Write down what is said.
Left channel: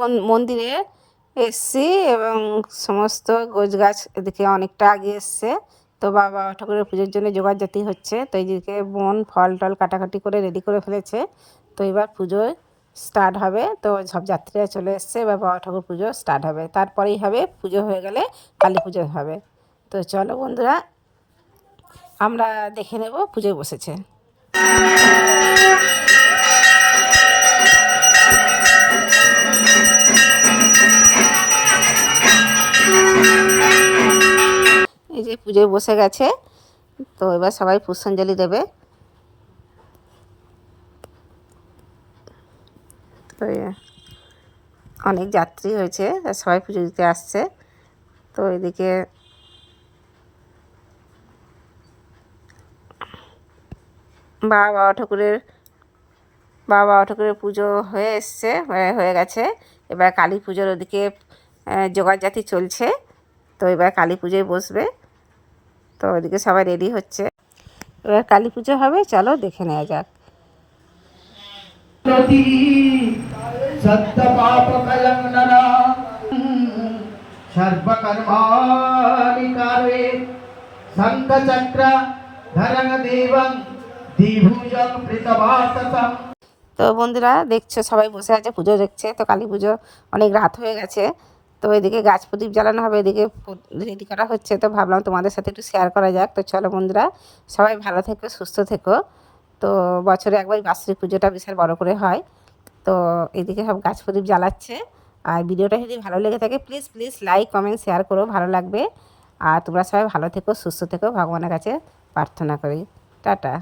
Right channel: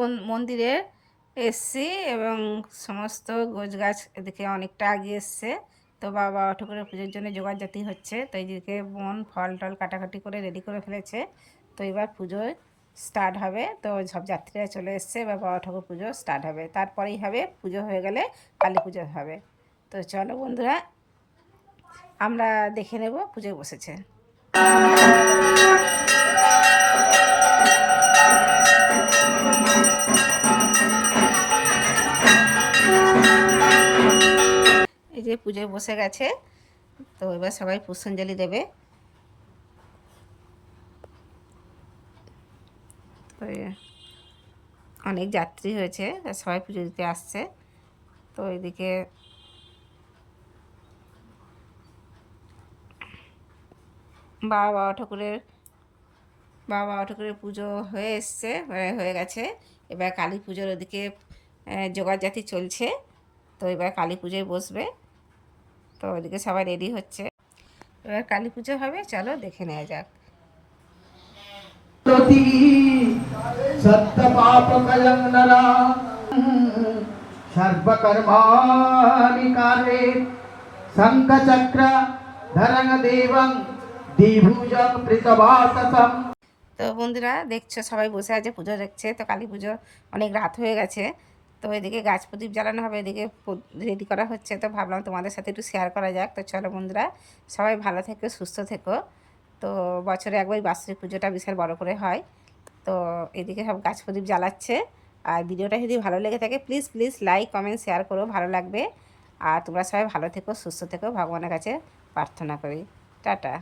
মন- মন্দিরে এসছি এবং সমস্ত গোছ গাছ এদিকে অনেকটা আগে এসছে। তো বাবা ঠাকুরের পুজোর জন্য জোগাড়জাতি হচ্ছে। তো এইদিকে বোন, ফল টল কাটাকাটি করে রেডি করে ফেলেছে। তো এবার পুজো স্টার্ট হবে। তো সব যাত্রীরা চলে এসছে। এবার বাবা ঠাকুর পুজো স্টার্ট হবে। তারপরেই হবে পুজো হয়ে গেলে কালী পুজো হবে। তো চলো বন্ধুরা, আমরা দেখে নেব পুজোয় বসেছে। যে পুজোয় বসে গেছে। তো এবার সবাই পুষ্পাঞ্জলি দেবে। তো অনেক যাত্রী হয়েছে সবাই পুজো দিতে আসছে। তো এদিকে বাবা বাবা ঠাকুরের, বাবা বাবা ঠাকুরের পুজো হয়ে এসছে, হয়ে গেছে। এবার কালী পুজোর ওদিকে জোগাড় জাতি চলছে। তো এবার কালী পুজোয় বসবে। তো ওইদিকে সবাই রেডি হচ্ছে। এবার কালী পুজো হবে চলো দেখে নেওয়া যাক। তো বন্ধুরা দেখছ সবাই বসে আছে পুজো দেখছে। তো কালী পুজো অনেক রাত হয়ে গেছে। তো এদিকে গাছ প্রদীপ জ্বালানো হবে, এদিকে রেডি করা হচ্ছে। তো ভাবলাম তোমাদের সাথে একটু শেয়ার করা যাক। তো চলো বন্ধুরা, সবাই ভালো থেকো, সুস্থ থেকো। তো বছরে একবার বাৎসরিক পুজোটা বিশাল বড় করে হয়। তো এদিকে সব গাছ প্রদীপ জ্বালাচ্ছে। আর ভিডিওটা যদি ভালো লেগে থাকে please please like comment share করো, ভালো লাগবে। আর তোমরা সবাই ভালো থেকো, সুস্থ থেকো। ভগবানের কাছে প্রার্থনা করি। টাটা।